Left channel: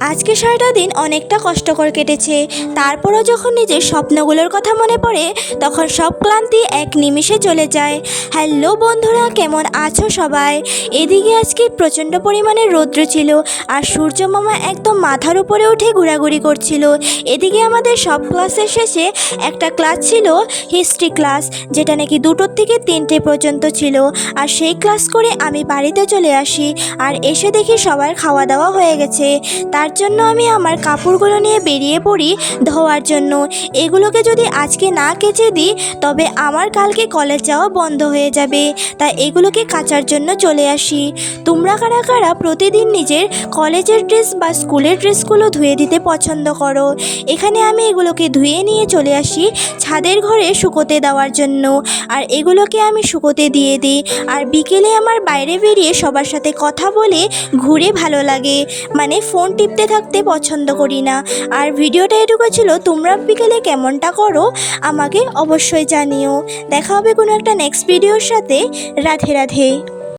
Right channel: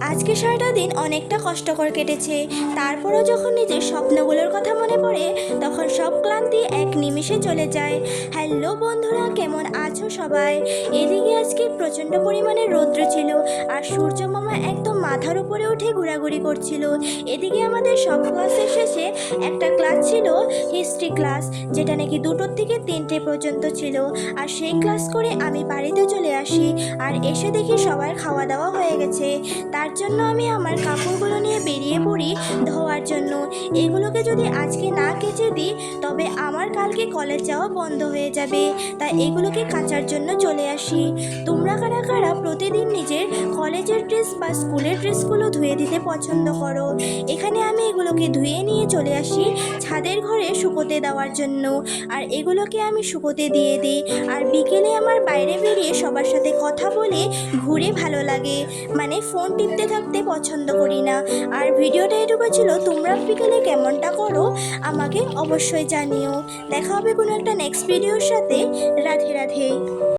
আজকে সারাটা দিন অনেকটা কষ্টকর কেটেছে। তারপরও যখন নিজের স্বপ্নগুলোর কথা মনে পড়ে তখন সব ক্লান্তি এক নিমিষে চলে যায়। হ্যালো বন্ধুরা, কেমন আছো সবাই? এদিকে আজকে প্রচণ্ড পরিমাণে রৌদ্র ছিল আর সূর্য মামা একদম মাথার উপরে উঠে ঘোরাঘুরি করছিল। এদিকে আমাদের সব ক্লাসের শেষে একটা ক্লাস ছিল হিস্ট্রি ক্লাস, যেটা নাকি 2টোর থেকে 3টে পর্যন্ত ছিল। আর সেই ক্লাস করে আমি বাড়িতে চলে আসি আর এসে দেখি সবার খাওয়া দাওয়া হয়ে গেছে। তার জন্য আমি আমার কাপড়গুলো নিয়ে বেরিয়ে পড়ি ধোয়ার জন্য। এগুলোকে যদি আজকে না কেচে দিই তবে আমার কালকে কলেজ যাওয়া বন্ধ হয়ে যাবে, তাই এগুলোকে কাচার জন্য চলে আসি। তোমরা কারা কারা প্রতিদিন নিজের কলেজের ড্রেস বা স্কুলের ড্রেসগুলো ধুয়ে দিতে পছন্দ করো? এখানে আমি এগুলোকে ধুয়ে নিয়ে চলে আসি ছাদের ঘরে শুকোতে দেওয়ার জন্য। আর এগুলোকে আমি শুকোতে দিয়ে দিই আর বিকেলে আমার বাইরে বেরিয়ে সবার সাথে কথা বলে ঘুরে ভালো লাগে, মানে ফোন টিপতে থাকতে পছন্দ করি না। আর ভিডিওটা এটুকু ছিল। তোমরা বিকেলে কেমনটা করো আমাকে অবশ্যই জানিও। দেখা হবে কোনো একটা নেক্সট ভিডিওর সাথে। রাধে রাধে।